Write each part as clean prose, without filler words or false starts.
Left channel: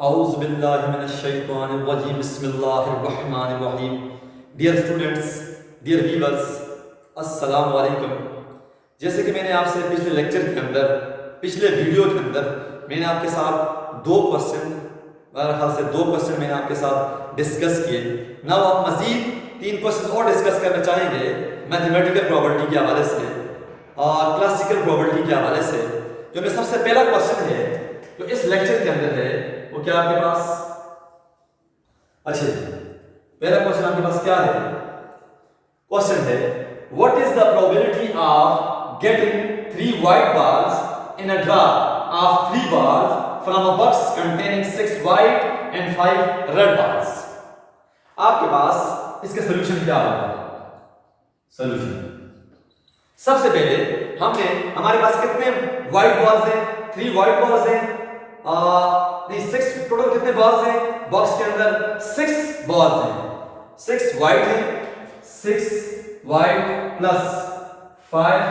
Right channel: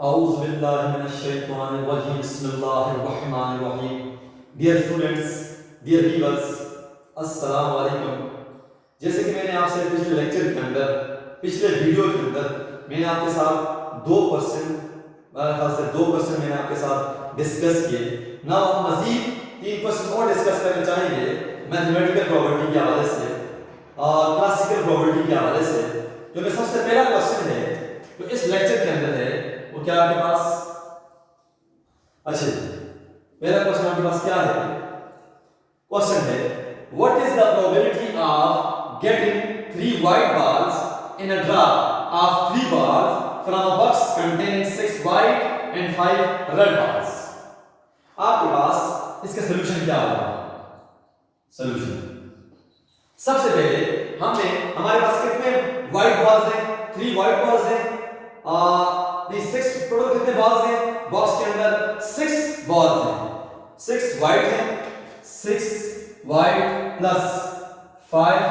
Auzubillahiminash-shaytanir-rajim. Bismillahir-rahmanir-rahim. Dear students, dear viewers, अस्सलाम वालेकुम। जैसे कि मैंने आपसे पिछले लेक्चर के अंदर, पिछले वीडियो के अंदर मैंने आपके साथ दो क्वेश्चन, मेरे ख्याल से दो क्वेश्चन मैंने आपके साथ डिस्कस किए। नाउ आप मजीद तीन क्वेश्चन और डिस्कस करना चाहेंगे मैथमेटिकल प्रॉपर्टी के हवाले से और क्लासिकल प्रॉपर्टी के हवाले से। जो मेरा सबसे पहला क्वेश्चन है जो इस लेक्चर के अंदर है वो क्या आपके पास, अच्छा पहला क्वेश्चन आपके पास क्या है? क्वेश्चन है what is the probability of getting 3 white balls in a draw of 3 balls from a box containing 6 white and 5 red balls। आपके पास इसका सॉल्यूशन क्या होगा? सॉल्यूशन सबसे पहले हमने हमारे पास कितने व्हाइट बॉल्स हैं? 3 व्हाइट बॉल्स हैं, नहीं 6 टोटल कितने बॉल्स हैं? बॉक्स के अंदर 6 बॉल्स हैं, 6 व्हाइट हैं, 6 white plus 5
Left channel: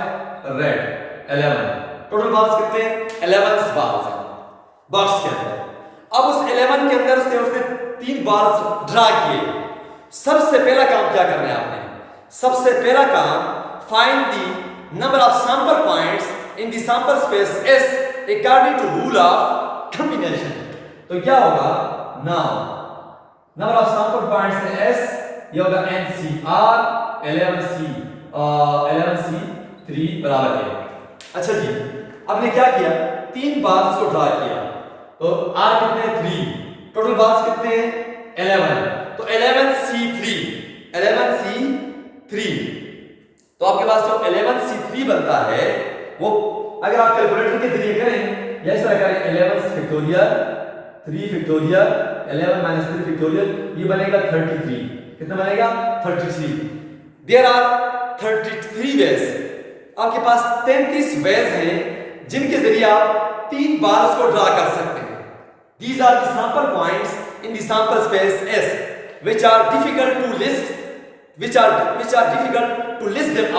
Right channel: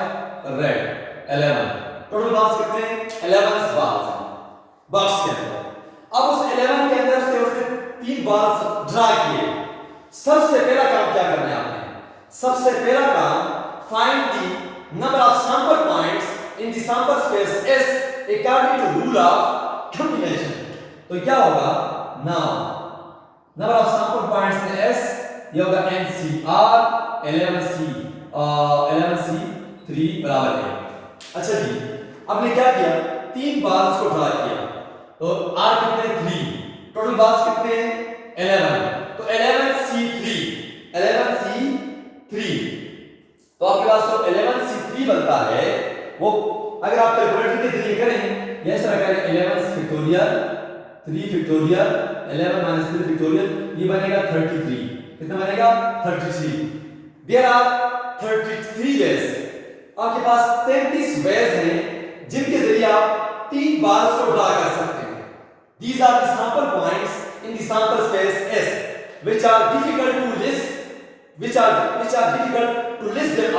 red, 11 total balls कितने हैं? 11 बॉल्स हैं बॉक्स के अंदर। अब उस 11 के अंदर से उसने 3 बॉल्स ड्रा किए। सबसे पहला काम क्या करना है आपने? सबसे पहला काम find the number of sample points in the sample space S according to rule of combination। तो क्या होगा? Now number of sample points in S ये होगा NCR 11C3 बराबर है। अच्छा जी, आपने क्या किया? 3 बॉल्स को ड्रा किया, तो R कितने? 3, टोटल बॉल्स कितने हैं? 11, तो 11C3 तो आपके पास जो 11C3 बनता है वो अगर आप कैलकुलेटर के जरिए करें या इस तरह करें 11 फैक्टोरियल 3 फैक्टोरियल 11 माइनस 3 फैक्टोरियल, ये बनेगा 33। कितना बनेगा? 33। There are 33 ways. आपके पास 33 वेज हैं जिनके जरिए आप 3 बार्स को ड्रा कर सकते हैं। These are the sample points in the sample space S which are difficult to list them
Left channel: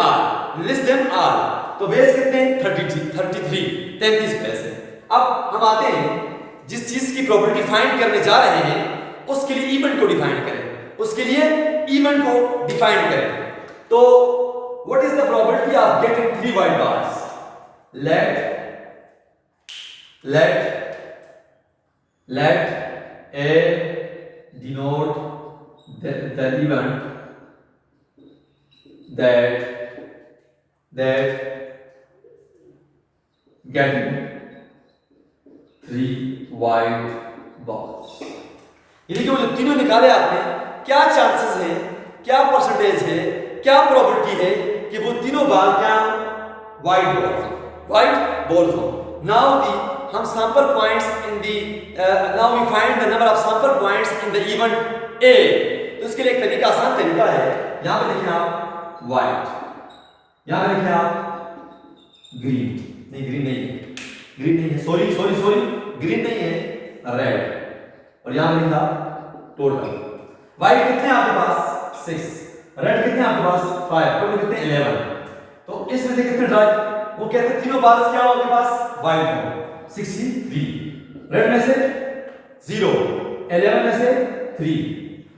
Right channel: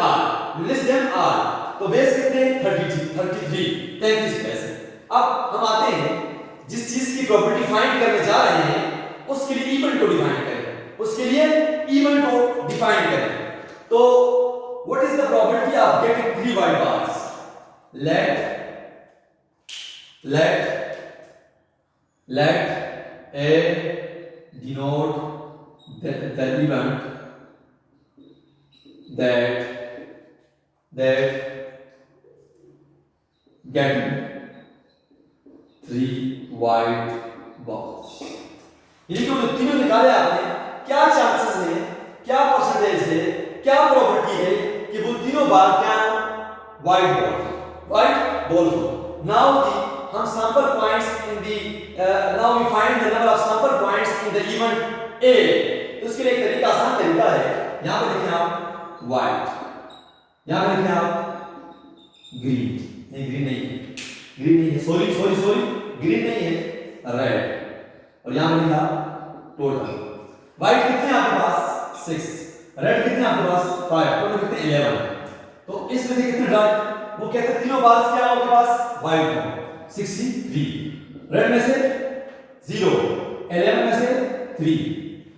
all। तो वेज कितने? 33 वेज है। अब हम आते हैं जिस चीज की प्रॉपर्टी फाइंड करने जा रहे हैं उसके लिए इवेंट को डिफाइन करें, तो what is the probability of getting 3 white balls? let A denote the event that getting 3 white balls। यानी कि वो जो तीनों निकाले आपने, क्या चांसेस है, क्या परसेंटेज है, क्या प्रोबेबिलिटी है कि वो तीनों बाल क्या व्हाइट बॉल्स हो। नाउ हम sample points in the now we find the number of sample points in the event A। तो उसके लिए एक तरीका, आसान तरीका है। यहां पे देखिए आप व्हाइट, यहां पे देखिए आप ग्रीन नहीं है, सॉरी ग्रीन नहीं है, रेड, और यहां पे लिखा टोटल व्हाइट कितने आपके पास? 6, रेड कितने आपके पास? 5, टोटल कितने? 11। तो इसमें से कितने ड्रा? वो कहते हैं तीनों बाल्स क्या हो आपके पास? व्हाइट हो, 63, रेड में से 0, 11 में से 3,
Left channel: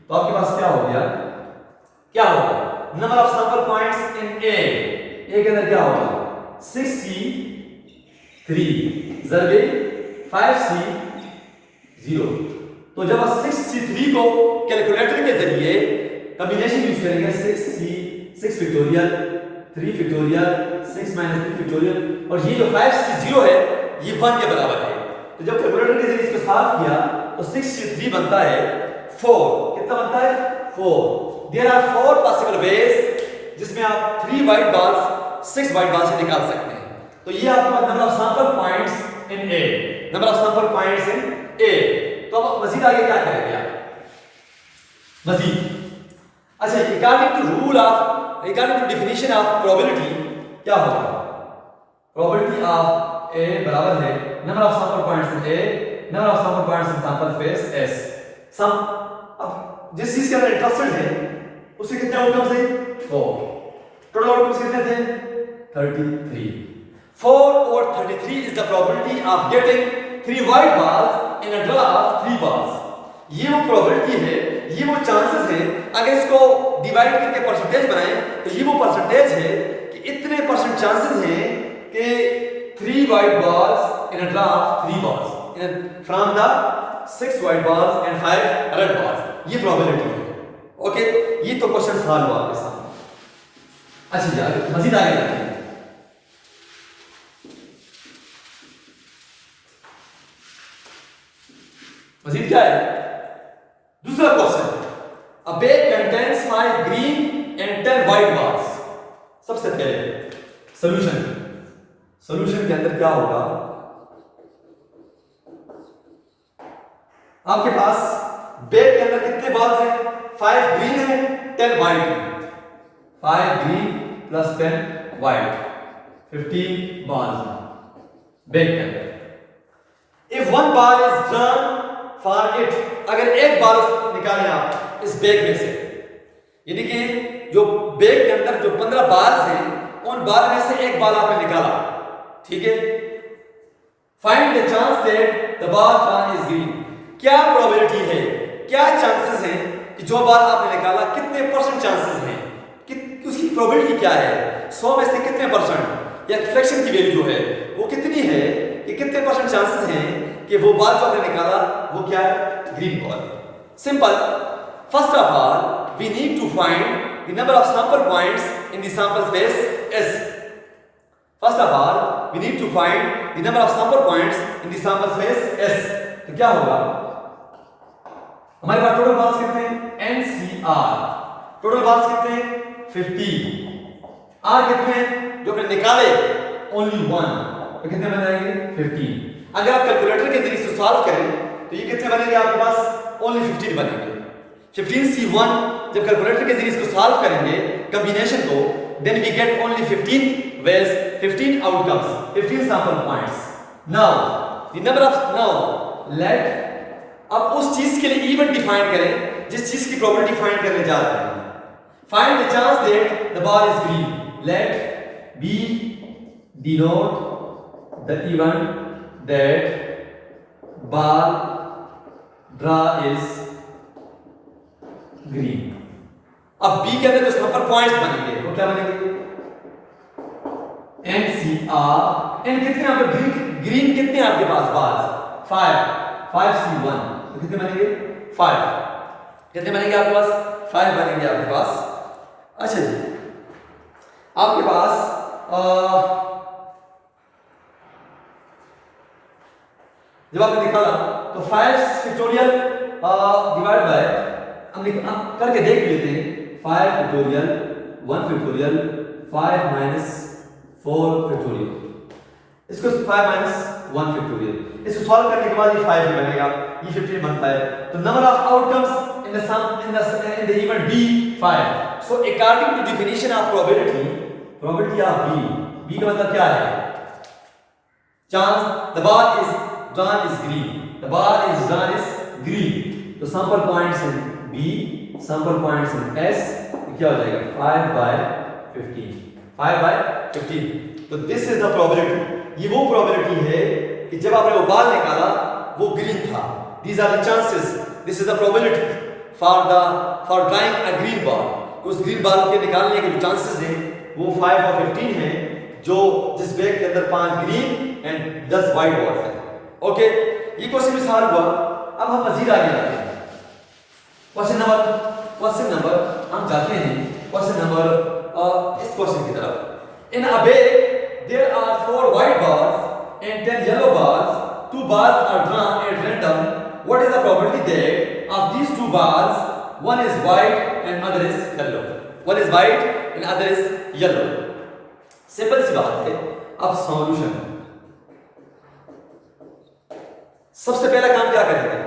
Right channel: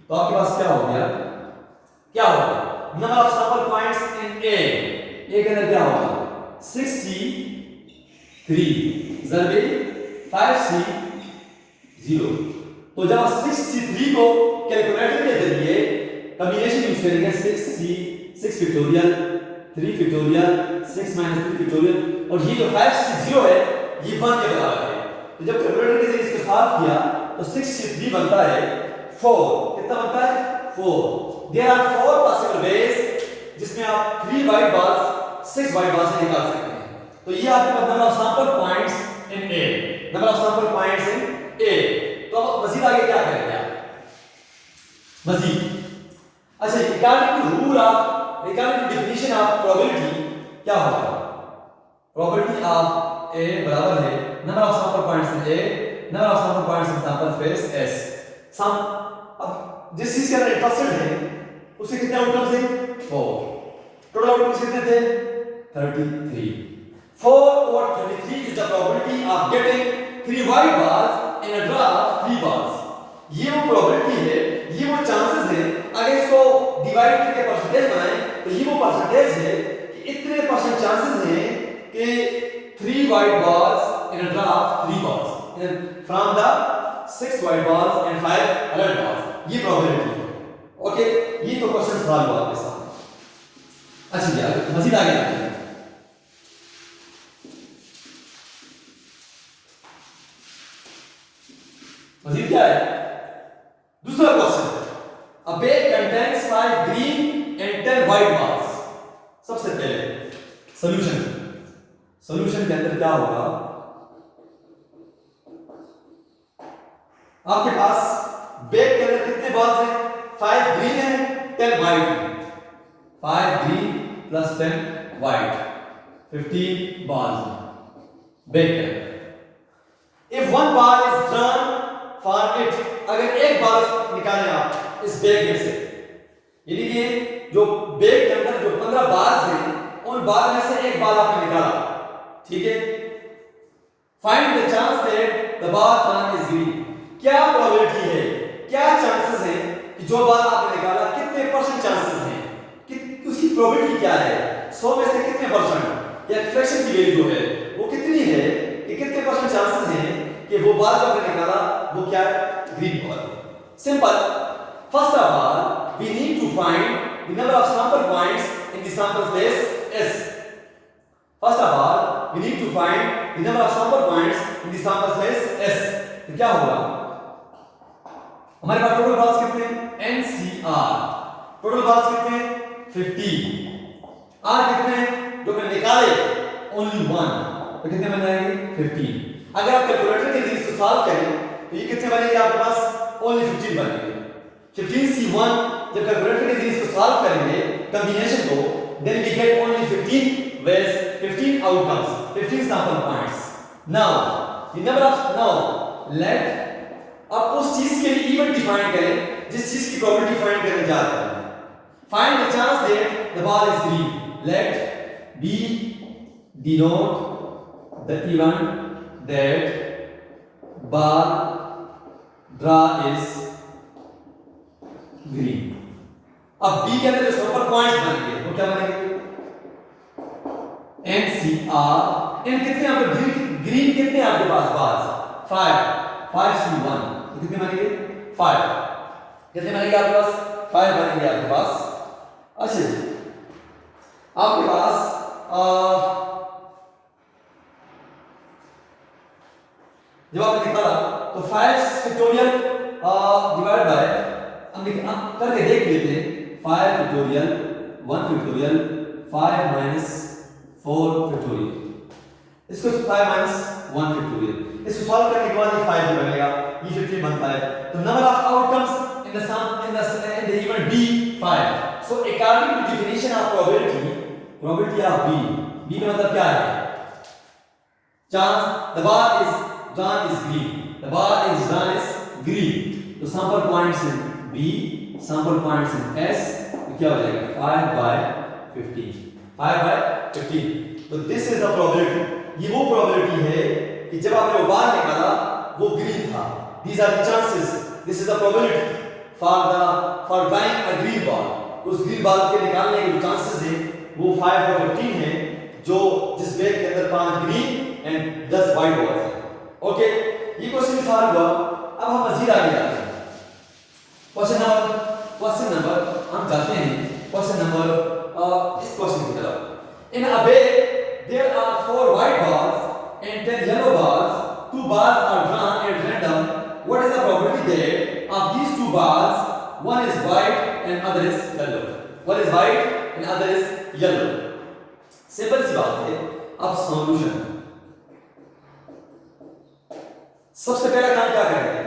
तो आपके पास क्या हो गया? Number of sample points in A के अंदर क्या होगा? 6C3 जरबे 5C0। तो जब आप 6C3 को कैलकुलेटर के जरिए कॉम्बिनेशन यूज करेंगे 6 फैक्टोरियल 3 फैक्टोरियल 6 माइनस 3 फैक्टोरियल, और ये जो 5C0 है ये 1 के बराबर है। तो जब कैलकुलेटर के जरिए इसको सॉल्व किया तो 6C3 बनता है 4। कितना बनता है? 4। देयर आर 4 पॉसिबल वेज जिसमें आप 3 white balls 6 white balls से निकाल सकते हैं। तो ये आपके पास number of sample points in A, number of sample points in A। तो अब मजीद आगे क्या करेंगे आप? मजीद अच्छा, regarding to definition of probability क्या होगा? प्रोबेबिलिटी ऑफ A बराबर है number of sample points in A, number of sample points in sample space S। सम अब जिस चीज के अंदर इंटरेस्टेड है उसके कितने आउटकम्स हैं? 4, टोटल आउटकम्स कितने थे? 33। 4 over 33 is the probability of getting 3 white balls in a draw of 3 balls. ये वो प्रोबेबिलिटी है, ये वो चांसेस है, अगर इसको डिवाइड करके परसेंटेज बनाएं तो ये वो परसेंटेज है कि इतने परसेंट चांसेस हैं कि 3 white balls in a draw of 3 balls from the 6 white balls and 5 red balls. ये प्रोबेबिलिटी है. ओके, ये तो क्वेश्चन सॉल्व हुआ आपके साथ. अच्छा जी, मजीद आगे बढ़ते हैं. मजीद क्या है? दूसरा question. A bag contains 5 green and 10 white balls. सबसे पहले सॉल्यूशन के अंदर क्या होगा? आपके पास बैग के अंदर कितने बॉल्स हैं? 5 ग्रीन है, 10 व्हाइट है. 5 ग्रीन प्लस 10 व्हाइट, 15 बॉल्स हैं बैग के अंदर. If one ball is drawn for it, अगर एक बॉल निकालें आप इस बैग में से, यानी कि जो बैग के अंदर जो 15 बॉल्स हैं उन बॉल में से एक बॉल आपने निकाला, ठीक है? Find the chance that the ball drawn is green. क्या प्रोबेबिलिटी है, क्या चांसेस हैं कि जो बॉल आपने निकाला कितने परसेंट चांसेस हैं कि उसकी प्रोबेबिलिटी क्या है? 100 में से कितने परसेंट या फ्रैक्शन की वैल्यू जो है वो कितनी है कि कितने परसेंट चांसेस हैं कि वो बॉल जो आपने निकाला वो क्या है? Green ball. Simple. First of all we need to find the number of sample points in the sample space S. First of all we need to find the number of sample points in the sample space S. तो क्या होगा? हमारे पास total balls कितने हैं? NCR. Total balls कितने हैं? 50. R कितने हैं जो हमने निकाले? ओनली 1. तो कितने बन जाएंगे? 15. अगर आप कैलकुलेटर के जरिए से सॉल्व करें तो ये कितने बनेंगे आपके पास? ओनली 15 बनेंगे. 15C1 जब कैलकुलेटर के जरिए इसको सॉल्व करेंगे कॉम्बिनेशन को, then we get only 15 ways 15 outcomes, 15 sample points. Now the number of let अब उस चीज के लिए इवन डिफाइन करें जिस चीज की प्रोबेबिलिटी फाइंड करने जा रहे हैं. Find the chance that the ball is green. Let B denote the event that ball draw is green. अब बी के अंदर जो सैंपल पॉइंट्स बनेंगे वो क्या बनेंगे? NCR. एंड कितने आपके ग्रीन कितने आपके पास बॉल्स? 5C1. तो कितने बनेंगे? 5. कितने बनेंगे आपके पास? 5 बनेंगे आपके पास. अच्छा जी, आपके पास जब आपने निकाला तो 5 फैक्टोरियल डिवाइड बाय हम करके देख लेते हैं. 5 फैक्टोरियल 1 फैक्टोरियल 5 माइनस 4 फैक्टोरियल. इसको 5 माइनस 1 फैक्टोरियल इसको सॉल्व करने के बाद ये 5 ही बनेगा, ये 15 बनता है. तो number of outcomes in the event B 5. So according to definition of probability of B का मतलब क्या है? Chance the ball is drawn is green. The ball is drawn is green. तो sample points in B, sample points in S, क्या हो जाएगा? 5 by 15. 5 by 15. तो this is the probability. ये वो probability है कि जब आपने वो बॉल निकाला वो ग्रीन था. These are the chances. This is the probability for drawing a green ball. उस ग्रीन बॉल के निकालने के जो चांसेस हैं वो 5 और 15 हैं, जो जिस बैग के अंदर 5 ग्रीन एंड 10 व्हाइट बॉल्स हैं. ओके, ये क्वेश्चन सॉल्व हुआ. अब हम मजीद आगे जाते हैं. क्वेश्चन नंबर हम जाते हैं क्वेश्चन नंबर इस क्वेश्चन की तरफ. In a bag there are 4 white balls and 10 yellow balls. 2 balls are drawn at random. What is the probability that of these 2 balls one is white and other is yellow? One is white and other is yellow. Simple सी बात है. अब solution. सबसे पहला काम क्या करेंगे?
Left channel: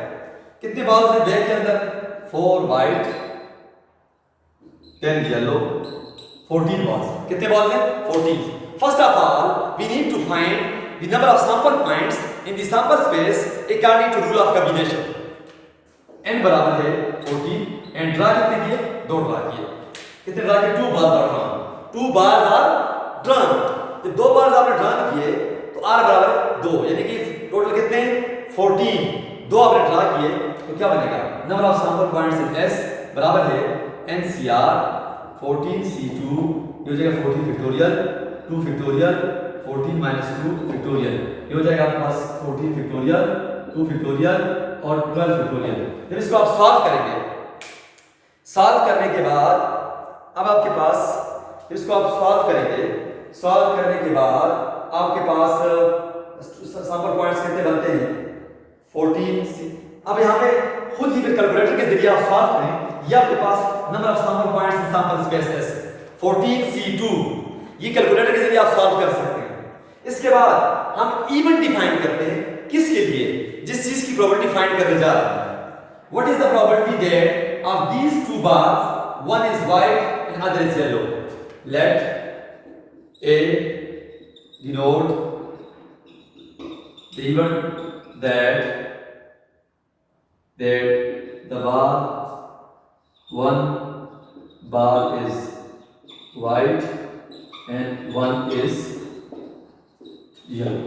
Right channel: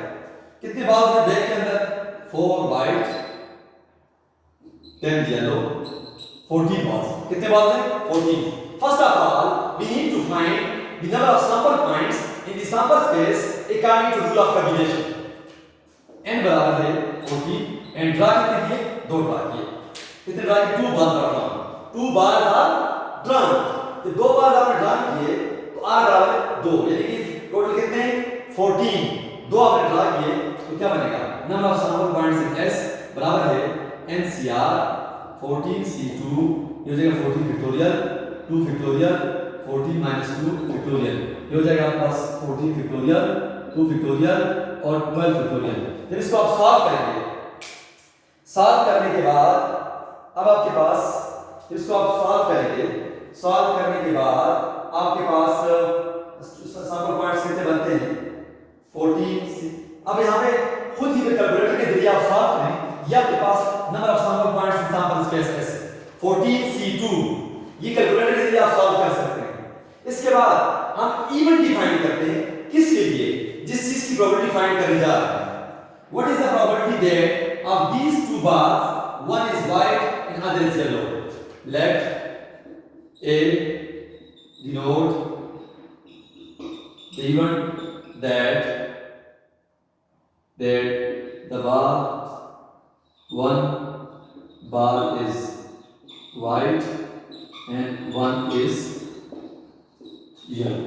कितने बॉल्स हैं बैग के अंदर? 4 व्हाइट 10 येलो 14 बॉल्स. कितने बॉल्स हैं? 14. First of all we need to find the number of sample points in the sample space according to rule of combination. n बराबर है 14 एंड ड्रा कितने किए? 2 ड्रा किए. कितने ड्रा किए? 2 balls are drawn. 2 balls are drawn. जब 2 balls आपने draw किए तो r बराबर 2, यानी कि टोटल कितने हैं? 14 दो आपने ड्रा किए तो क्या बनेगा? Number of sample points in S बराबर है NCR 14C2, ये हो जाएगा 14 फैक्टोरियल 2 फैक्टोरियल 14 माइनस 2 फैक्टोरियल, ये हो जाएगा आपके पास 14 फैक्टोरियल 2 फैक्टोरियल और 12 फैक्टोरियल। फिर इसको आप सॉल्व करेंगे, सॉल्व करने के बाद अब आपके पास इसको आप सॉल्व करेंगे, सॉल्व करने के बाद आपके पास सैंपल पॉइंट्स कितने बनते हैं 14। अब यहाँ पे खुद ही कैलकुलेटर के जरिए आप सॉल्व करें, ये आपके पास number of sample points in sample space S 14C2, ये कैलकुलेटर के जरिए आप सॉल्व कर सकते हैं। इसके बाद हम इवन डिफाइन करते हैं, किसके लिए? जिस चीज की प्रोबेबिलिटी फाइंड करने जा रहे हैं। What is the probability that of these two balls one is white and other is yellow? Let A denote the event that the one bar is white and one is yellow।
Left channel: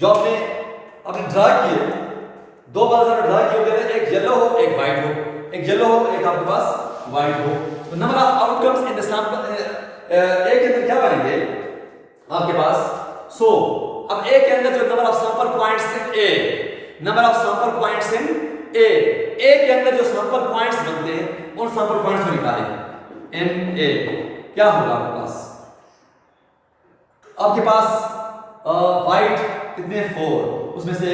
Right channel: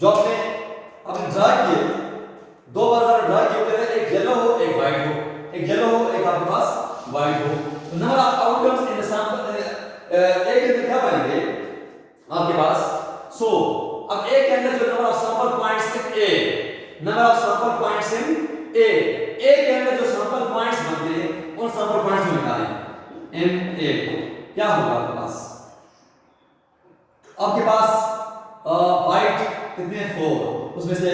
जो आपने draw किए, दो बार draw किए, एक yellow हो एक white हो, एक येलो हो एक आपके पास व्हाइट हो, तो number of outcomes in the sample A के अंदर क्या बनेंगे आपके पास? सो अब ए के अंदर जो number of sample points in A, number of sample points in A के अंदर जो सैंपल पॉइंट्स बनते हैं उन सैंपल पॉइंट्स को निकालें इन ए, क्या होगा आपके पास? आपके पास व्हाइट कितने 4, उसमें से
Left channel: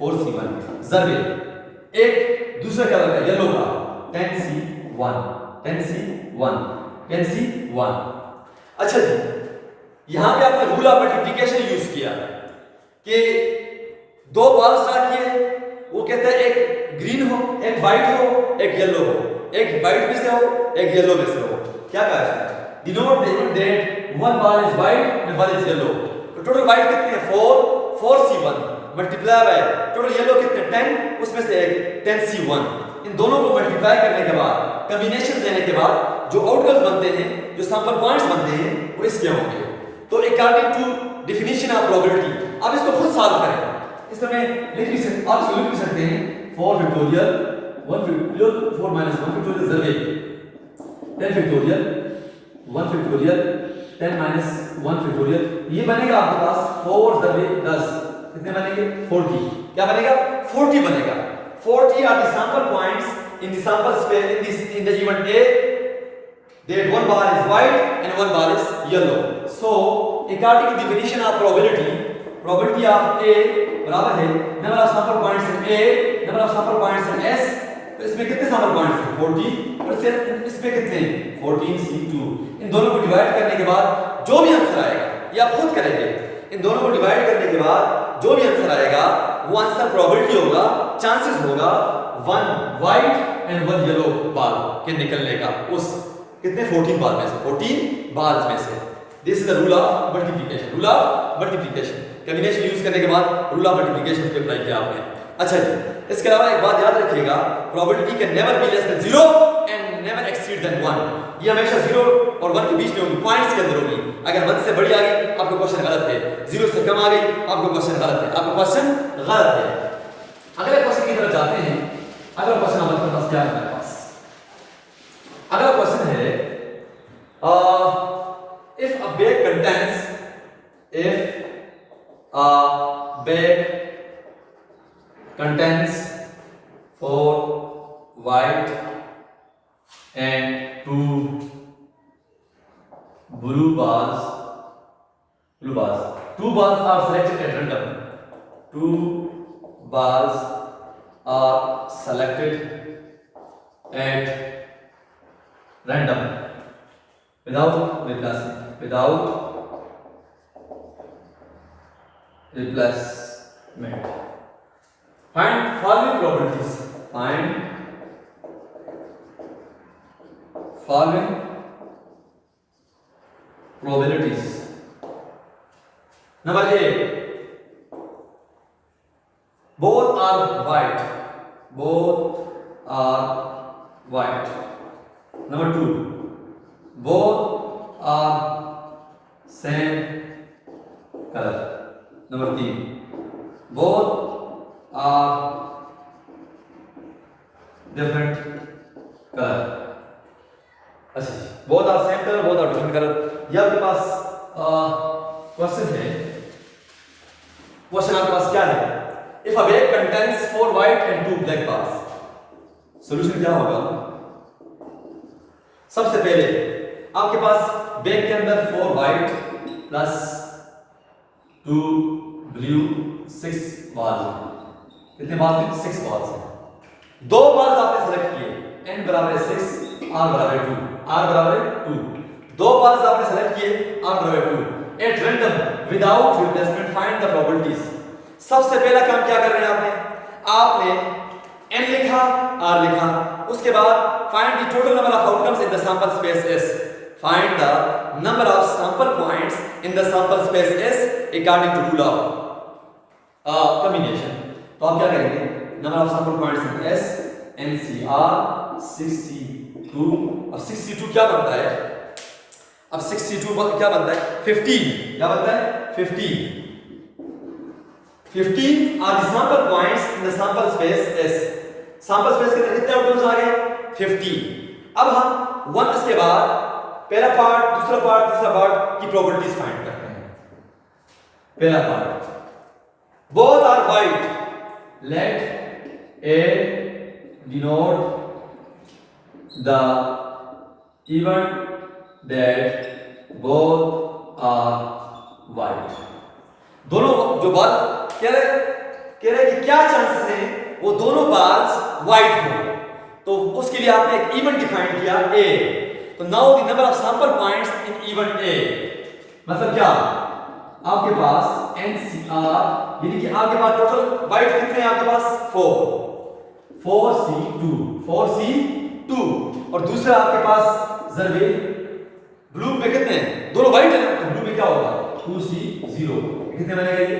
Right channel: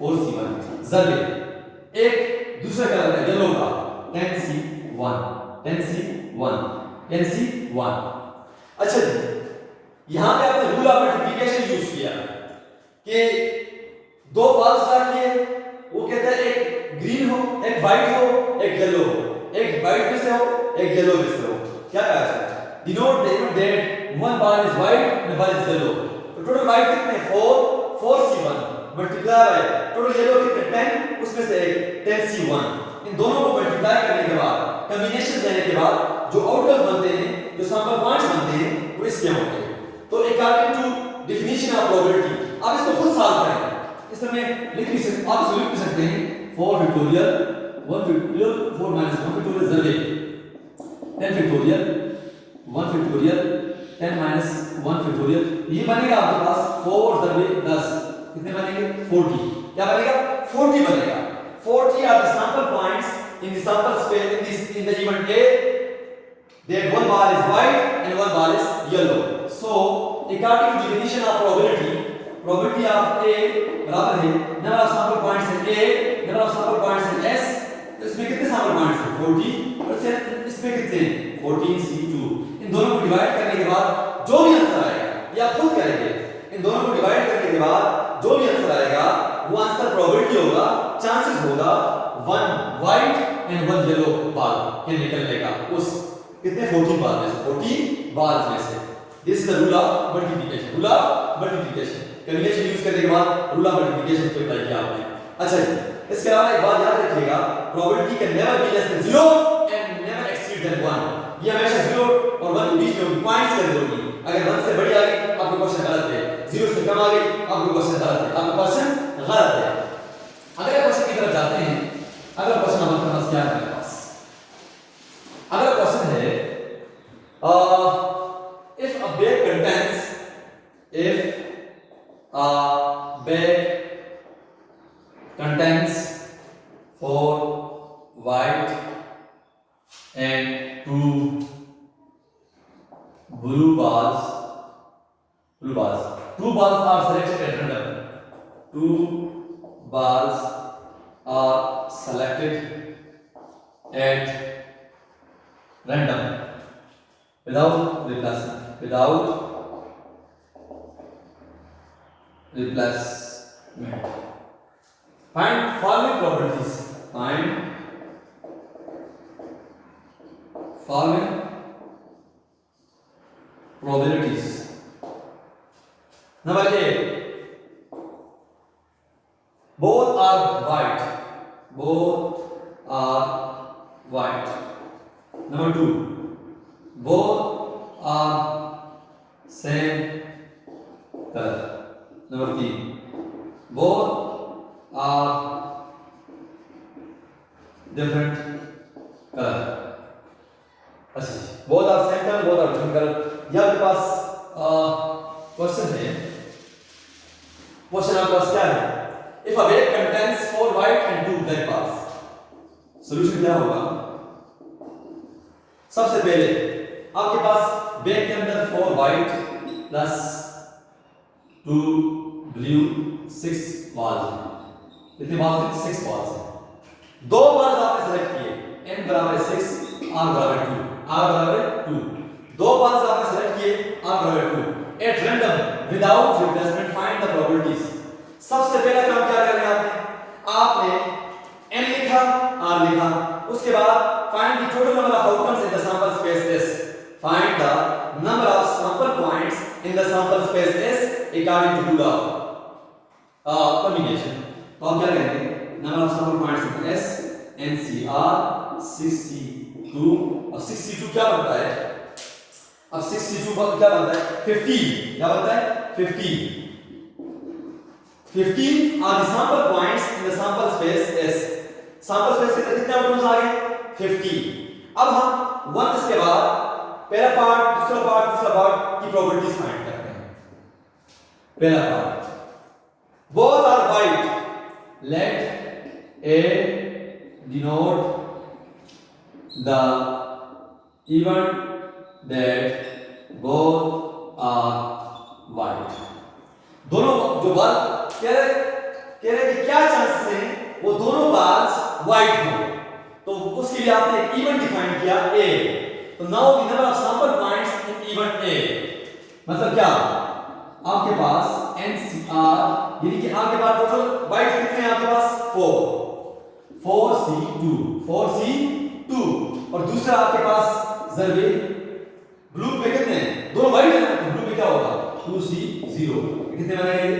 4C1 जर्बे एक दूसरे कलर का येलो का 10C1 10C1 10C1। अच्छा जी, यहां पे आपने रूल ऑफ मल्टीप्लिकेशन यूज किया कि दो बॉल्स ड्रा किए, वो कहता है एक ग्रीन हो एक व्हाइट हो एक येलो हो, एक व्हाइट में से हो एक येलो में से हो। क्या कहा है? Denote the event that one bar is white and one is yellow. तो टोटल व्हाइट कितने 4C1 multiply by total yellow कितने 10, उसमें से एक 10C1। इन दोनों को मल्टीप्लाई करने के बाद, कॉम्बिनेशन लेने के बाद जो आउटकम्स बनते हैं, जो सैंपल पॉइंट्स बनते हैं, वो इसके होंगे। तो according to definition of probability, अब इसको खुद सॉल्व करें। इस समय लिख भी सकते, आप इसको लिख भी सकते हैं 4 फैक्टोरियल 1 फैक्टोरियल 4 माइनस 1 फैक्टोरियल जर्बे 10 फैक्टोरियल 1 फैक्टोरियल 10 माइनस 1 फैक्टोरियल, ये बनेगा आपके पास 4 जर्बे 10, कितने बनेंगे 40। क्या बनेगा? 40 बनेगा। 40 are the sample points in the sample space in the event A that one bar is white and one bar is yellow. So according to definition of probability of A बराबर है number of sample points in A number of sample points in S। तो इसमें कितने sample points हैं 40 और फिर इसमें कितने 14C2। इन दोनों को डिवाइड करने के बाद जो भी आंसर आएगा, ये आप खुद करेंगे, इन दोनों को डिवाइड करने के बाद जो भी आंसर आएगा वो आंसर प्रोबेबिलिटी होगा, चांसेस होगा 1 व्हाइट एंड 1 येलो बाल के निकलने का, उस कितने 14 बार में से 14 बार में से। This is the rule of multiplication, rule of multiplication. Combination use करने के बाद रूल ऑफ मल्टीप्लिकेशन पे अप्लाई किया आपने। अच्छा जी, इसके अलावा एक बात याद रखिएगा, probability can never be less than 0 and never exceed than 1। ये हमेशा 0 और 1 के बीच में होगी, पॉइंट्स के अंदर होगी। अगर 1 से बड़ी आ गई आपका क्वेश्चन गलत है, 0 से कम आ गई आपका क्वेश्चन गलत है, आपका क्वेश्चन गलत है। अगले क्वेश्चन की तरफ जाते हैं। अगला क्वेश्चन हमारे पास क्या है? हमारे पास अगला क्वेश्चन है if a bag contains 4 white and 2 blue balls, two balls are selected at random, 2 balls are selected at random without replacement. Find following probabilities. Find following probabilities. Number A, both are white. Number 2, both are same color. Number 3, both are different color. अच्छा, both are same color, both are different color. ये आपके पास question है. Question आपके पास क्या है? If a bag contains 4 white and 2 black bars, solution क्या होगा? सबसे पहले आपके पास बैग के अंदर 4 व्हाइट प्लस 2 ब्लू 6 बाल. कितने बाल थे? 6 बाल. दो बाल आपने सेलेक्ट किए, n बराबर 6, r बराबर 2. r बराबर 2. दो बाल आपने सेलेक्ट किए, r बराबर 2. At random without replacement find the probabilities. सबसे पहला काम क्या कर रहे हैं आपने n लिखा, r लिखा, उसके बाद find the total number of outcomes in the sample space S. Find the number of sample points in the sample space S according to rule of combination. तो आप क्या करेंगे? Number of sample points in S, NCR 6C2. अब 6C2 क्या बनता है? अब 6C2 क्या बनता है? 15. क्या बनता है? 15. 15 are the sample points in the sample space S. Sample space के कितने आउटकम्स आ गए? 50. अब हम 1 इसके बाद पहला पार्ट, दूसरा पार्ट, तीसरा पार्ट की प्रोबेबिलिटीज फाइंड करते हैं. पहला part, both are white, let A denote the event that both are white. दोनों जो बाल कह रहे कि क्या चांसेस हैं वो दोनों बाल्स व्हाइट हो, तो उसके लिए आपने एक इवेंट डिफाइन किया A. तो now the number of sample points in event A मतलब क्या? आपके पास NCR यानी कि आपके पास टोटल व्हाइट कितने हैं? आपके पास 4C2 और दूसरा आपके पास जरबे ब्लू में कितने हैं? दोनों व्हाइट है, तो ब्लू में क्या होगा? 2C0. कितने बनेगा ये?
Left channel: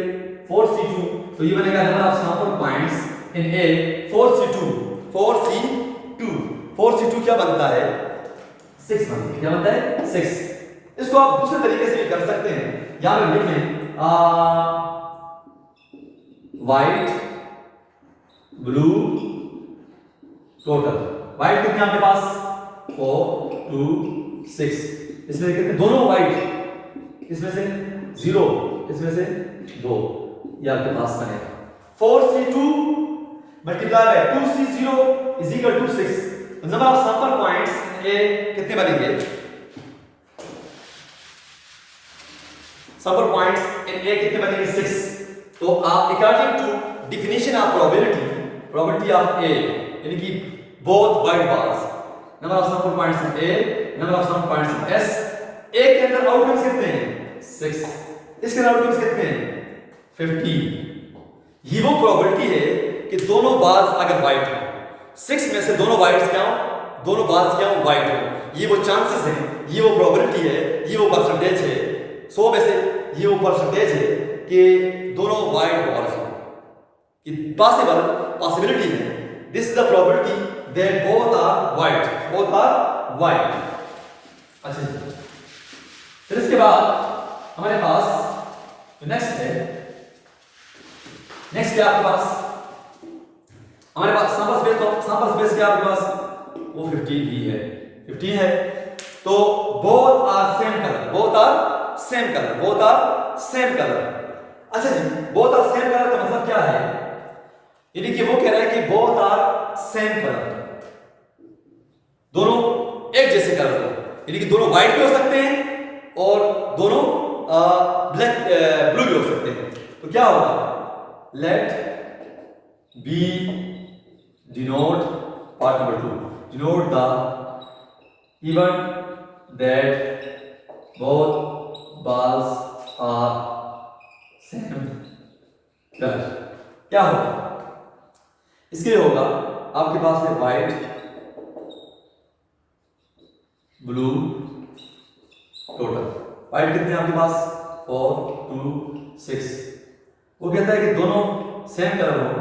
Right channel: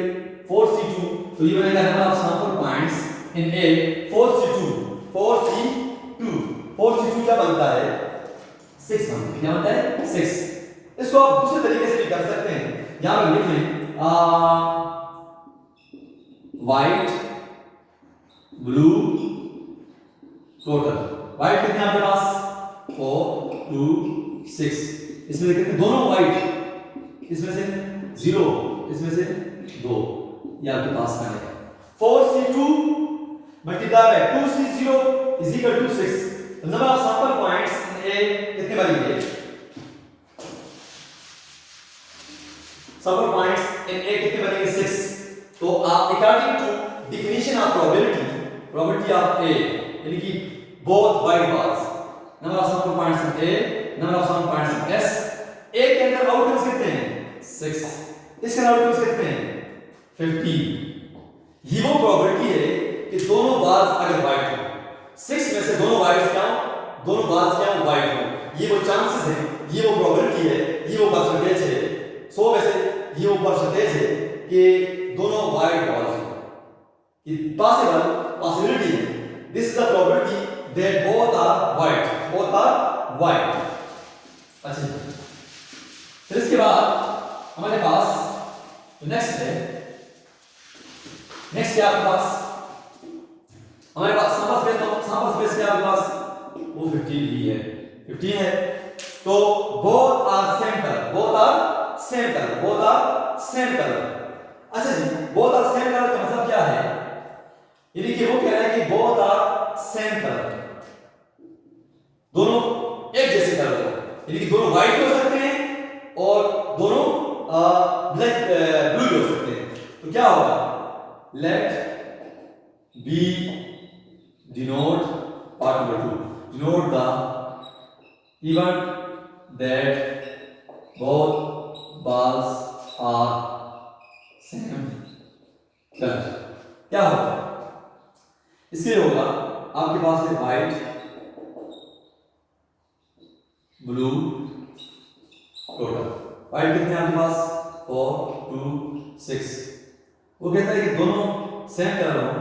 4C2. तो ये बनेगा number of sample points in A 4C2 क्या बनता है? 6 बनता है. क्या बनता है? 6. इसको आप दूसरे तरीके से भी कर सकते हैं. यहां पे लिख लें व्हाइट ब्लू टोटल. व्हाइट कितने आपके पास? 4 2 6. इसमें कितने? दोनों व्हाइट, इसमें से 0, इसमें से 2. ये आपके पास बनेगा 4C2 multiply by 2C0 is equal to 6. Number of sample points A कितने बनेंगे? सैंपल पॉइंट्स इन ए कितने बनेंगे? 6. तो आप according to definition of probability of A यानी कि both white balls, number of sample points in A, number of sample points in S. A के अंदर आउटकम्स कितने हैं? 6. इसके अंदर आउटकम्स कितने हैं? 15. ये वो प्रोबेबिलिटी है कि दोनों बाल्स अगर व्हाइट हो, 6 में से दोनों व्हाइट्स क्या हो? दोनों बाल्स क्या हो? व्हाइट हो. ये वो चांसेस हैं, ये वो प्रोबेबिलिटी है, ये वो परसेंटेज है 100 में से, ये वो परसेंटेज है कि दोनों व्हाइट बाल्स हो. ये पॉसिबिलिटी है. This is the probability that both are white. अच्छा, फिर इसके बाद हमारे पास नेक्स्ट है. नेक्स्ट क्या आपके पास? हमारे पास सैंपल स्पेस क्या आपके पास? वो 15 ही है. 15 है तो बोथ आर सेम कलर. अच्छा जी, बोथ आर सेम कलर का मतलब क्या है? यानी कि वो कह रहा है कि बोथ आर सेम कलर, दोनों एक जैसे कलर हो. यानी कि दोनों व्हाइट भी हो सकते हैं और दोनों ब्लू भी हो सकते हैं. तो क्या होगा? Let B denote part number 2 denote the event that both balls are same color. क्या होगा? इसके लिए होगा आपके पास है व्हाइट ब्लू टोटल. व्हाइट कितने हैं आपके पास? 4 2 6. वो कहता है कि दोनों सेम कलर हो,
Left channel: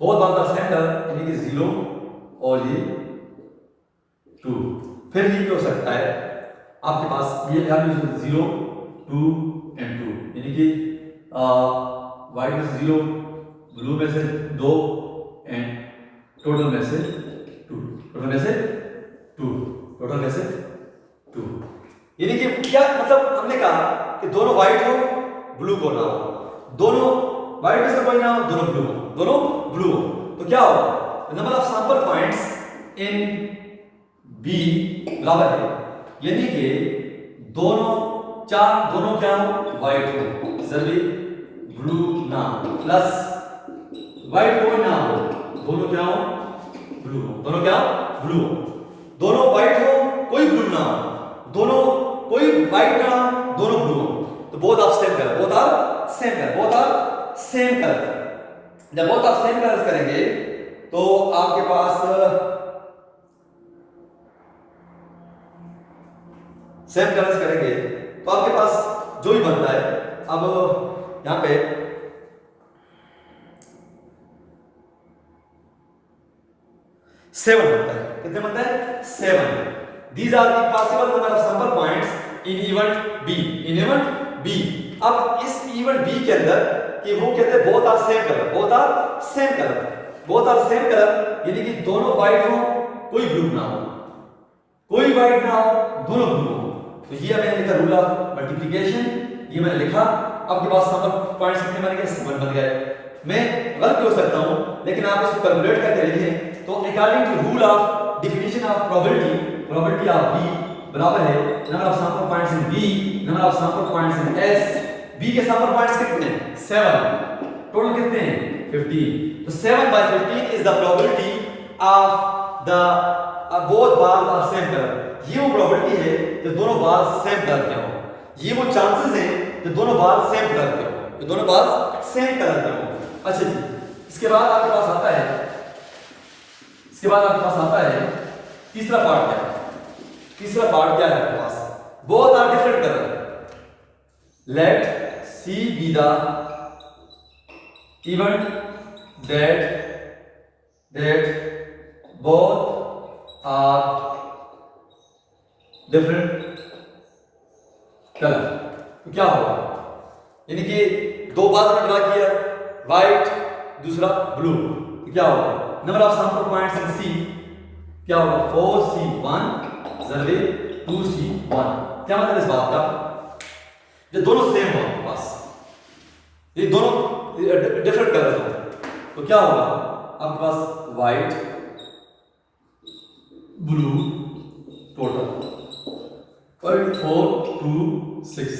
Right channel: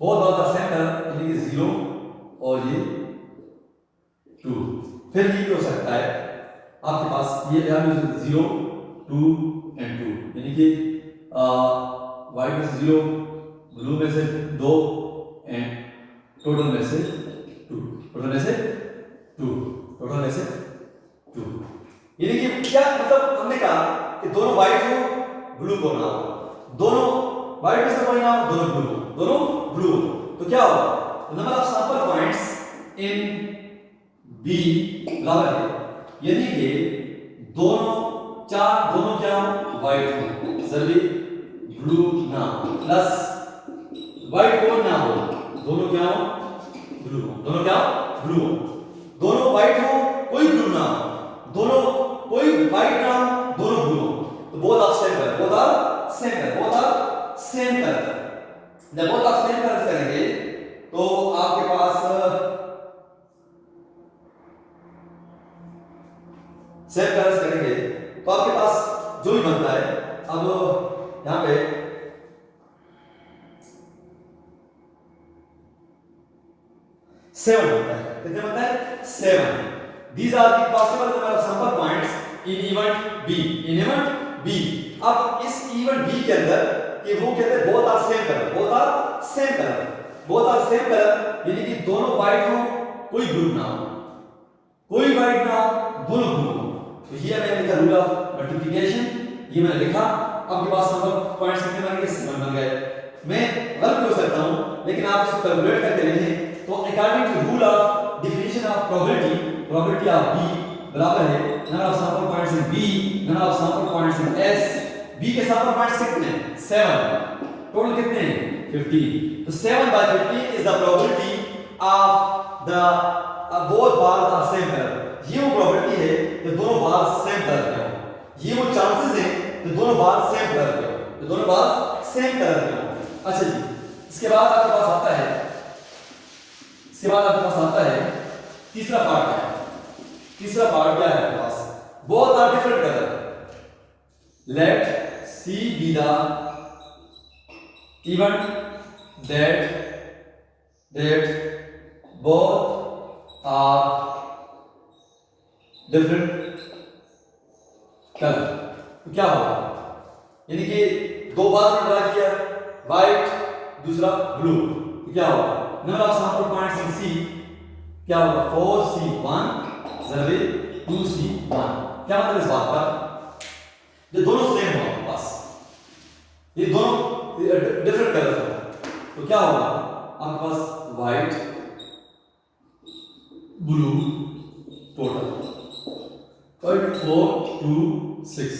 बहुत बार का सेम कलर यानी कि 0 और ये 2. फिर ये क्या हो सकता है आपके पास? ये 0 2 and 2 यानी कि व्हाइट में से 0, ब्लू में से 2 एंड टोटल में से 2, टोटल में से 2, टोटल में से 2। यानी कि क्या मतलब हमने कहा कि दोनों व्हाइट हो ब्लू को ना हो, दोनों व्हाइट में से कोई ना हो, दोनों ब्लू हो, दोनों ब्लू हो, तो क्या होगा number of sample points in B बराबर है, यानी कि दोनों क्या व्हाइट हो, जल्दी ब्लू ना हो, प्लस व्हाइट कोई ना हो, दोनों क्या हो ब्लू हो, दोनों क्या ब्लू हो, दोनों व्हाइट हो कोई ब्लू ना हो, दोनों कोई व्हाइट ना हो, दोनों ब्लू हो, तो both of same colour, both are same colour, both are same colour. जब बोथ ऑफ सेम कलर करेंगे तो आपके पास सेम कलर्स करेंगे तो आपके पास जो भी बनता है, अब यहां पे 7 बनता है, कितने बनता है 7। These are the possible number of sample points in event B, in event B। अब इस event B के अंदर कि वो कहते हैं both are same color, both are same color, both are same color, यानी कि दोनों white हो कोई ब्लू ना हो, कोई white ना हो दोनों ब्लू हो, तो ये मैंने लिखा रूल ऑफ मल्टीप्लिकेशन, ये मैंने लिखा। आपके पास सैंपल पॉइंट्स कितने बन गए 7 बन गए। मैं गलत भी हो सकता हूं लेकिन आप इसको कैलकुलेट करके लिखें तो according to rule of definition of probability of B बराबर है number of sample points in B, number of sample points in S. B के सैंपल पॉइंट्स कितने हैं 7, टोटल कितने हैं 15, तो 7/15 is the probability of the both bars are same colour. ये वो प्रोबेबिलिटी है कि दोनों बार सेम कलर के हों, ये वो चांसेस हैं कि दोनों बार सेम कलर के हों, कि दोनों बार सेम कलर के हों। अच्छा जी, इसके बाद आपके पास आता है, इसके बाद आपके पास आता है तीसरा पार्ट क्या है, तीसरा पार्ट क्या है आपके पास both are different colour. Let C be the event that both are different colour, तो क्या होगा, यानी कि दो बार में ड्रा किया व्हाइट दूसरा ब्लू, तो क्या होगा number of sample points in C क्या होगा 4C1 जरबे 2C1। क्या मतलब इस बात का, ये दोनों सेम हो आपके पास, ये दोनों डिफरेंट कलर हो, तो क्या होगा आपके पास व्हाइट ब्लू टोटल 4 2 6,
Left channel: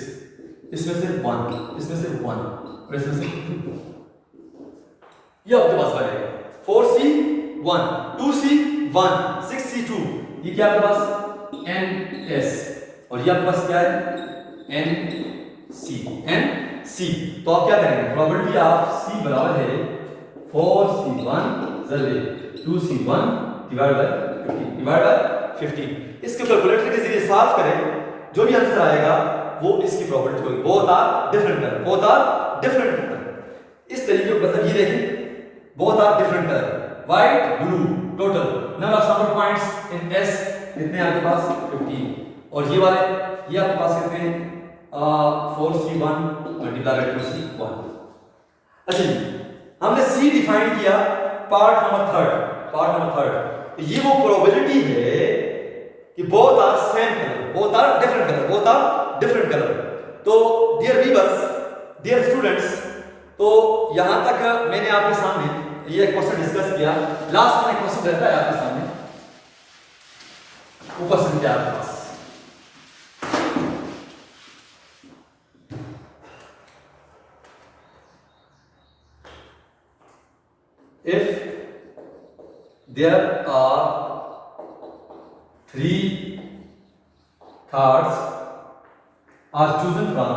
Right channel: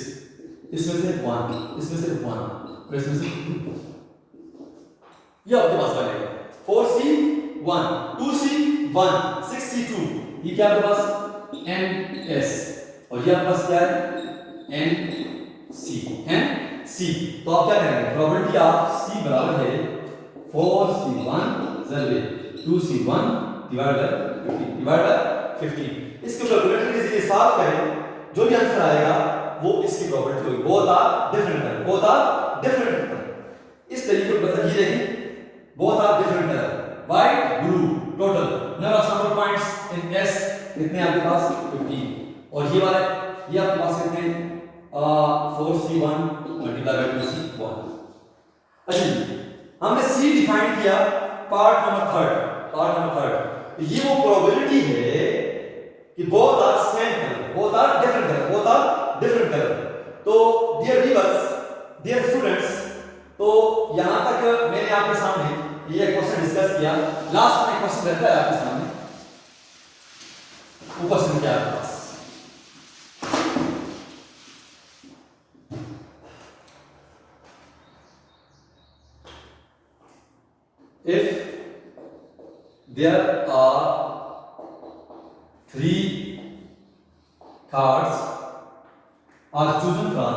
इसमें से 1, इसमें से 1 और इसमें से 2, ये आपके पास रहेगा 4C1 2C1 6C2, ये क्या आपके पास NS और ये आपके पास क्या है NC। तो आप क्या करेंगे प्रोबेबिलिटी ऑफ C बराबर है 4C1 जरबे 2C1 डिवाइड बाय 15। इसके कैलकुलेटर के जरिए सॉल्व करें, जो भी आंसर आएगा वो इसकी प्रोबेबिलिटी होगी। Both are different colour, both are different colour. इस तरीके को मतलब ये देखें both are different colour white blue total number of sample points in S कितने आपके पास 15 और ये वाले ये आपके पास कितने 4C1 मल्टीप्लाई बाय 2C1। अच्छा जी, हमने C डिफाइन किया पार्ट नंबर थर्ड, ये वो प्रोबेबिलिटी है कि both are same colour, both are different colour, both are different colour. तो डियर व्यूअर्स, डियर स्टूडेंट्स, तो यहां तक मैंने आपके सामने ये क्वेश्चन डिस्कस किया। लास्ट में क्वेश्चन रहता है आपके सामने, वो क्वेश्चन क्या है आपके पास, if there are 3 cards are chosen from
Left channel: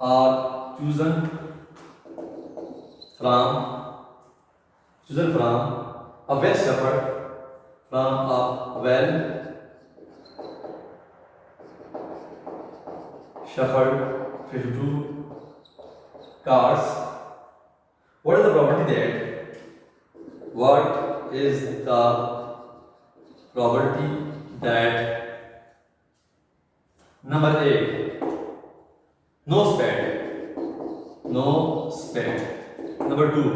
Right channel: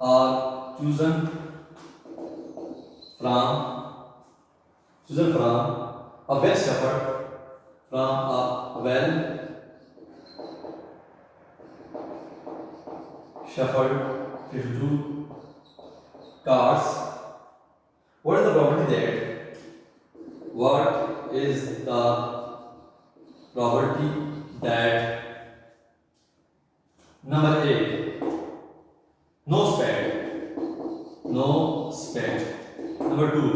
a well shuffled from a well shuffled 52 cards, what is the probability that number 8 no spade, number 2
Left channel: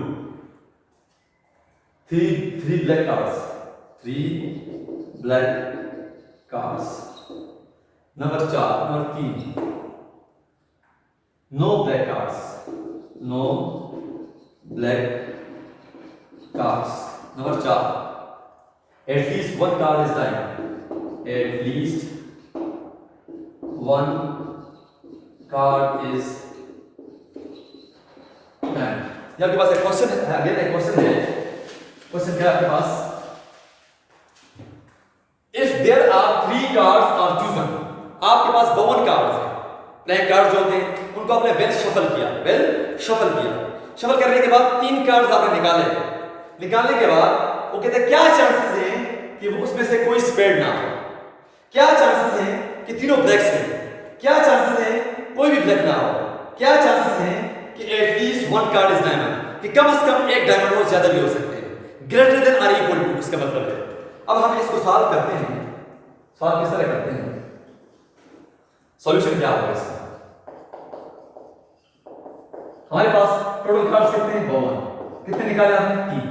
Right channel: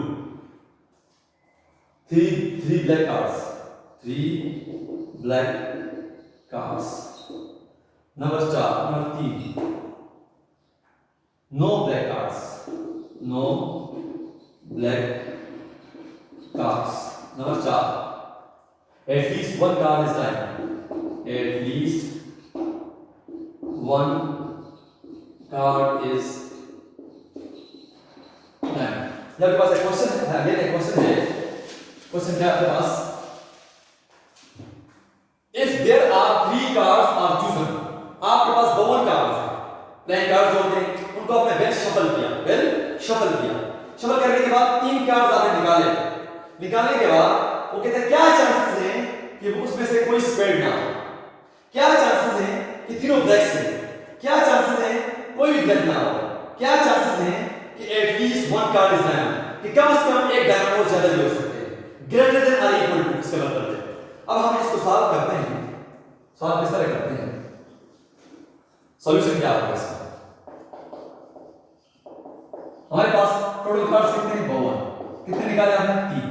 three black cars. Three black cars. Number 3. No black cars. No black cars. Number 4. At least one car is dying. At least one car is dying. ये आपके पास एक question है, again एक question है. Question क्या है आपके पास? If there are 3 cars are chosen, आपके पास 52 कार्ड्स हैं. प्लेइंग कार्ड जो होते हैं उनको आपने वेल शफल किया. शफल करने के बाद 3 कार्ड्स आपने निकालने के बाद वो कहते हैं क्या चांसेस हैं कि वो उसमें से कोई स्पेड ना हो, क्या चांसेस हैं कि तीनों ब्लैक्स हैं, क्या चांसेस हैं कोई भी ब्लैक ना हो, क्या चांसेस हैं कि at least one card is diamond, कि कम से कम एक डायमंड हो, ज्यादा भी हो सकते हैं, greater than or equal to, इसका मतलब है. अब हम इसको सॉल्व करते हैं. सॉल्व किस तरह करते हैं? सॉल्यूशन क्या होगा इसका? हमारे पास टोटल कार्ड्स कितने हैं? 52. कितने निकाले आपने? 3.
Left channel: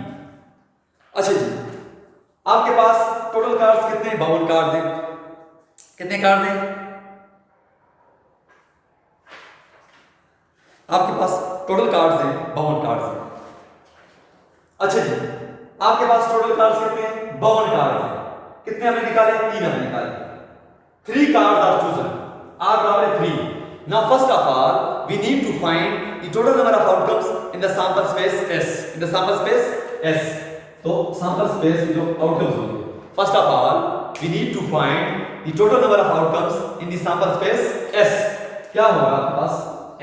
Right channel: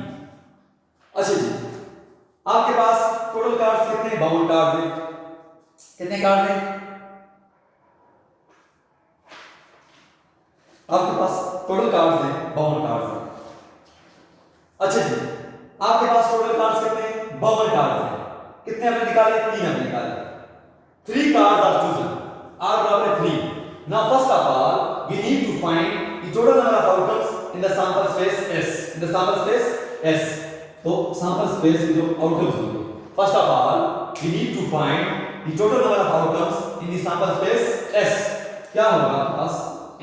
अच्छा जी, आपके पास टोटल कार्ड्स कितने? 52 कार्ड हैं. कितने कार्ड हैं आपके पास? टोटल कार्ड्स हैं 52 कार्ड्स हैं. अच्छा जी, आपके पास टोटल कार्ड्स कितने हैं? 52 कार्ड्स हैं. कितने आपने निकाले? 3 आपने निकाले. 3 कार्ड्स आर चूजन. R बराबर 3. Now first of all we need to find the total number of outcomes in the sample space S. In the sample space S. तो sample space की जो outcomes होंगे, first of all we need to find the total number of outcomes in the sample space S. क्या होगा आपके पास?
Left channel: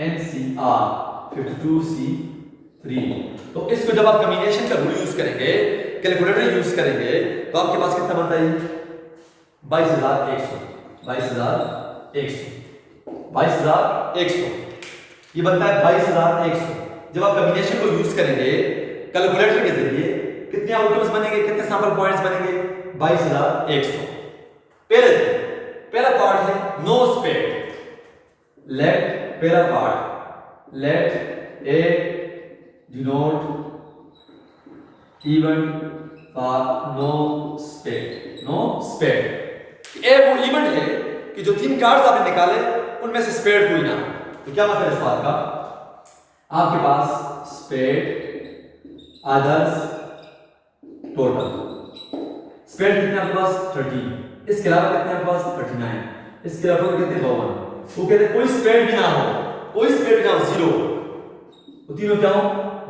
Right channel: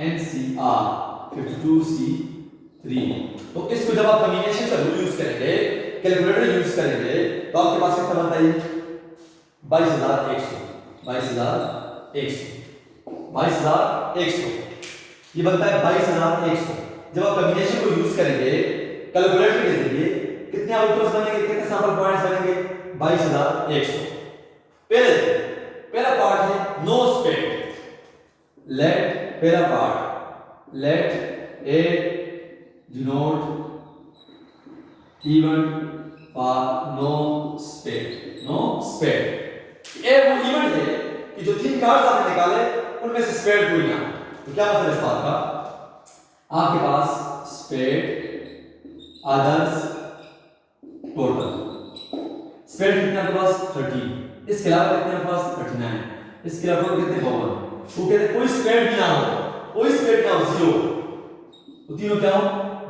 NCR 52C3. तो इसको जब आप कॉम्बिनेशन का रूल यूज करेंगे, कैलकुलेटर यूज करेंगे, तो आपके पास कितना बनता है? 22,100. 22,100 ये बनता है 22,100. जब आप कॉम्बिनेशन को यूज करेंगे कैलकुलेटर के जरिए, कितने आउटकम्स बनेंगे, कितने सैंपल पॉइंट्स बनेंगे? 22,100. पहला पार्ट है नो स्पेड. पहला part let A denote event for no spade. A वो इवेंट है कि जो 3 कार्ड्स आपने निकाले उनमें से स्पेड कोई ना. तो क्या मतलब इस बात का? आपके पास स्पेड अदर्स टोटल. स्पेड कितने आपके पास? 13. इसके अलावा कितने आपके पास? 39. इसके अलावा टोटल कितने? 52. तो कहते हैं कोई स्पेड भी ना हो, 0. तो तीनों क्या हो?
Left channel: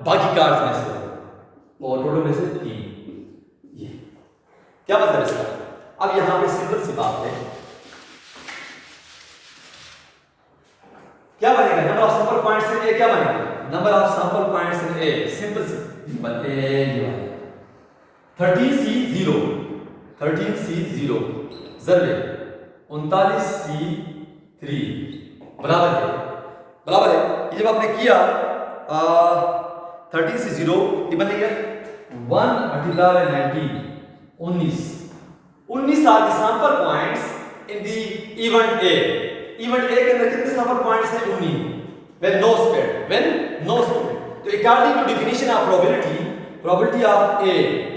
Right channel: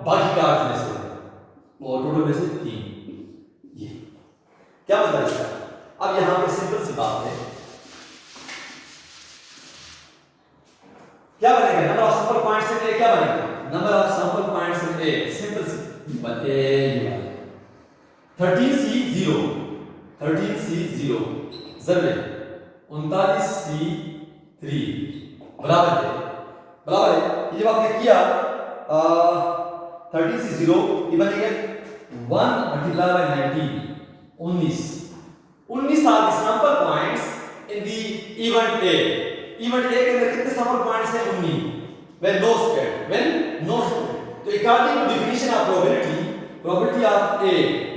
बाकी कार्ड्स में से, और टोटल में से 3. ये क्या मतलब इसका? अब यहां पे सिंपल सी बात है, क्या बनेगा? Number of sample points in A. क्या बनेगा? Number of sample points in A. सिंपल सी बात है, ये वाला 13C0 जरबे 39C3 बराबर है. ये जब आपने किया 13C0 ये बनेगा 1 multiply by 19. 19 are the sample points in the event A. Event A के अंदर कितने सैंपल पॉइंट्स हैं? 19. when no spread. तो according to definition of probability of A,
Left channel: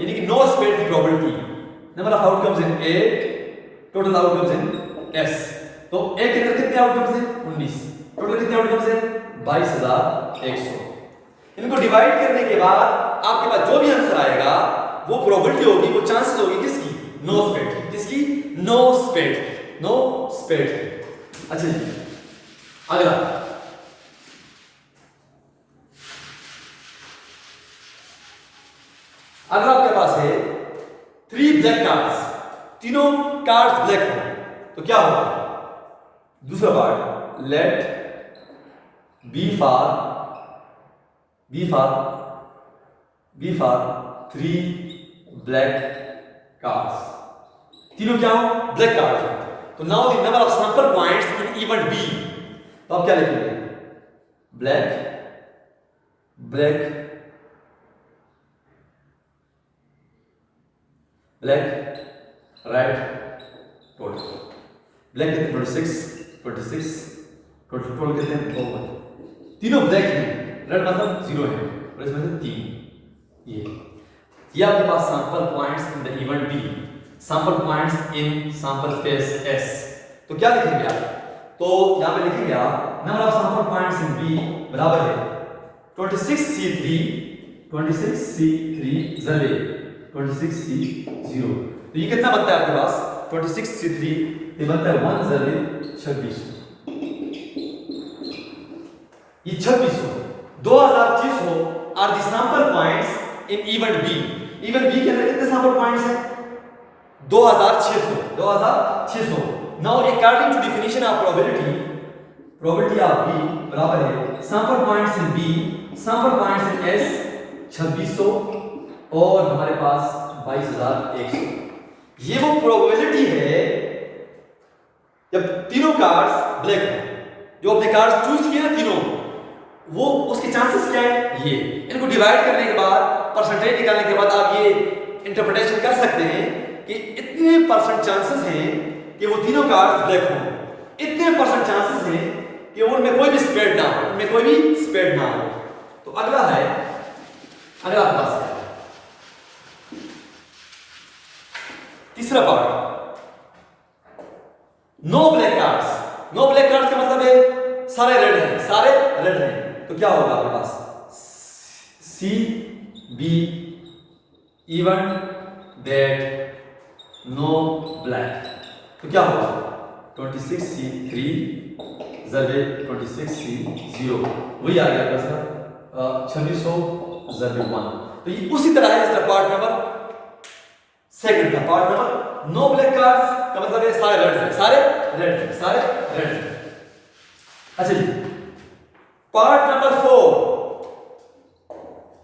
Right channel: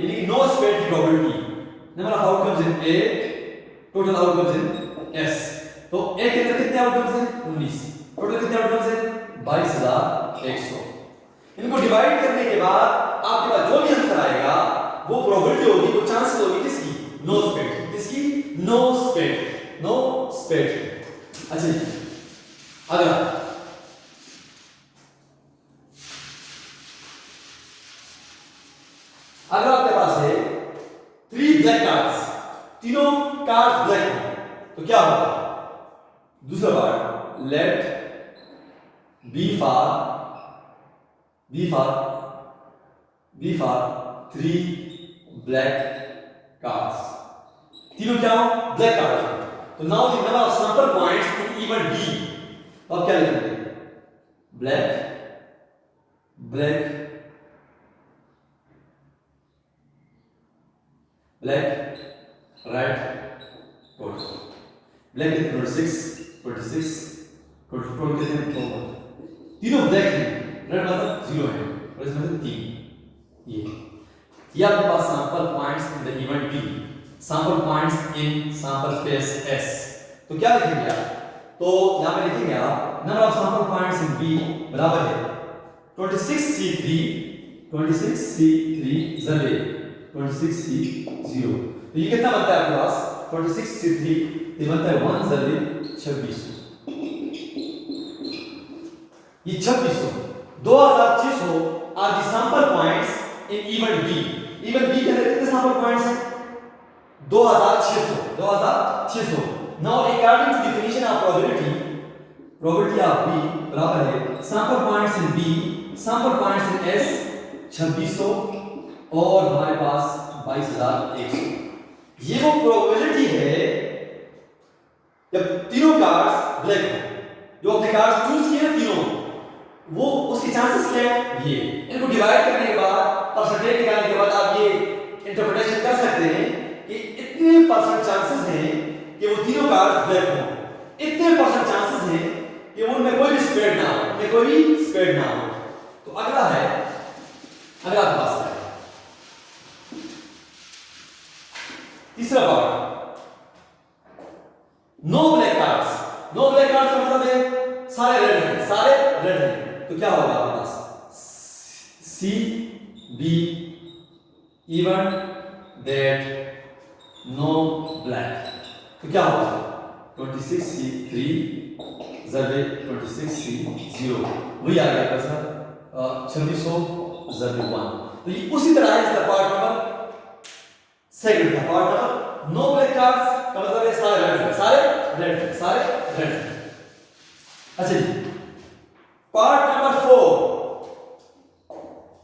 यानी कि नो स्प्रेड की प्रोबेबिलिटी, number of outcomes in A, total outcomes in S. तो ए के अंदर कितने आउटकम्स हैं? 19. टोटल कितने आउटकम्स हैं? 22,100. इनको डिवाइड करने के बाद आपके पास जो भी आंसर आएगा वो प्रोबेबिलिटी होगी, वो चांसेस होगी किसकी? No spread. किसकी? No spread. अच्छा जी, अगला आपके पास है 3 ब्लैक कार्ड्स. तीनों कार्ड्स ब्लैक हैं. तो क्या होगा? दूसरा part let be for 3 black cards. तीनों क्या हो? Black cards. तो now the number of sample points in event B. तो आप क्या लिखेंगे? Black red total. ब्लैक कितने? 26 टोटल कितने? 2. तीनों ब्लैक हैं, रेड मतलब 0 है, और इसमें से 3. ये ये आपके पास sample points in the event B, sample points in sample space S. तो क्या लिखेंगे आप? तो यहां पे लिखेंगे आप number of sample points in B बराबर है 26C3 जरे 26C0। तो ये कितना बनता है आपके पास? 26C3 ये बनता है 1 जरे 2600। ये 2600 2600 are the sample points in event B. Event B के अंदर कितने सैंपल पॉइंट्स हैं? 2600। Now according to definition of probability of B बराबर है sample points in B, sample points in S 2600 और हमारे पास 22100। ये वो प्रोबेबिलिटी है जब तीनों कार्ड्स ब्लैक हो, जो अपने कार्ड्स चूज किए ना तीनों, वो उसके चांसेस क्या है? ये इनको डिवाइड करने के बाद, परसेंटेज निकालने के बाद आप ये इंटरप्रिटेशन कर सकते हैं कि इतने परसेंट चांसेस हैं कि वो तीनों कार्ड्स ब्लैक हो, इतने परसेंट चांसेस हैं कि उनमें कोई भी स्पेड ना हो, उनमें कोई भी स्पेड ना हो। तो अगला है, अगला पास है तीसरा part, no black cards. No black cards का मतलब है सारे रेड हैं, सारे रेड हैं। तो क्या होगा आपके पास? C be even that no black. तो क्या होगा? 26C3 जरबे 26C0 वही आ गया सर 2600 जरबे 1। तो ये उसी तरह है इसका पार्ट नंबर सेकंड का part number no black cards का मतलब है सारे रेड हैं, सारे रेड हैं, सारे रेड हैं। अच्छा जी, part number 4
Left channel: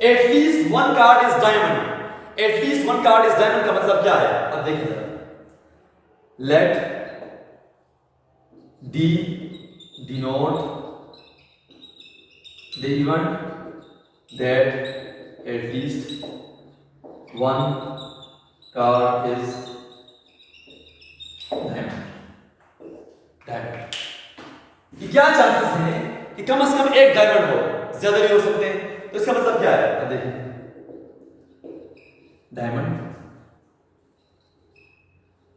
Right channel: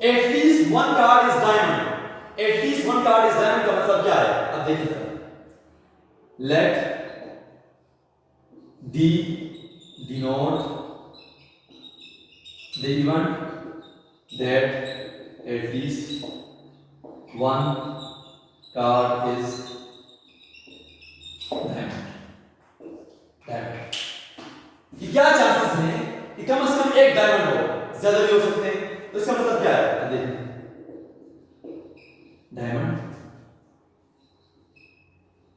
at least one card is diamond. At least one card is diamond का मतलब क्या है? अब देखिए, let D denote the event that at least one card is diamond. क्या चांसेस हैं कि कम से कम एक डायमंड हो, ज्यादा भी हो सकते हैं। तो इसका मतलब क्या है? देखिए, diamond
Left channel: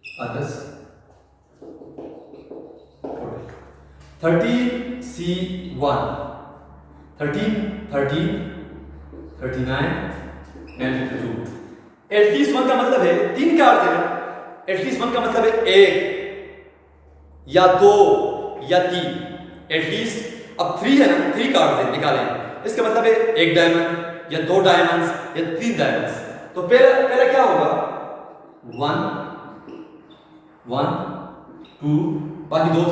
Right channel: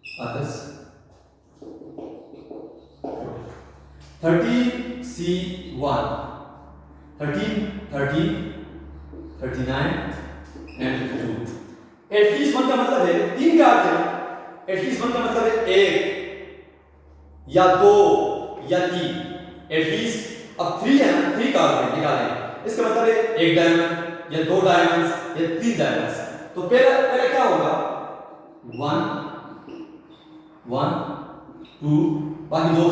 Adarsh 13C1 13 13 39 and 2। At least one का मतलब है तीन कार्ड है ना, एटलीस्ट वन का मतलब है एक या दो या तीन। एटलीस्ट अब 3 है ना, 3 कार्ड है निकालें, इसका मतलब है एक डायमंड या 2 डायमंड्स या 3 डायमंड्स। तो पहला क्या होगा? 1 1 2 बाकी दो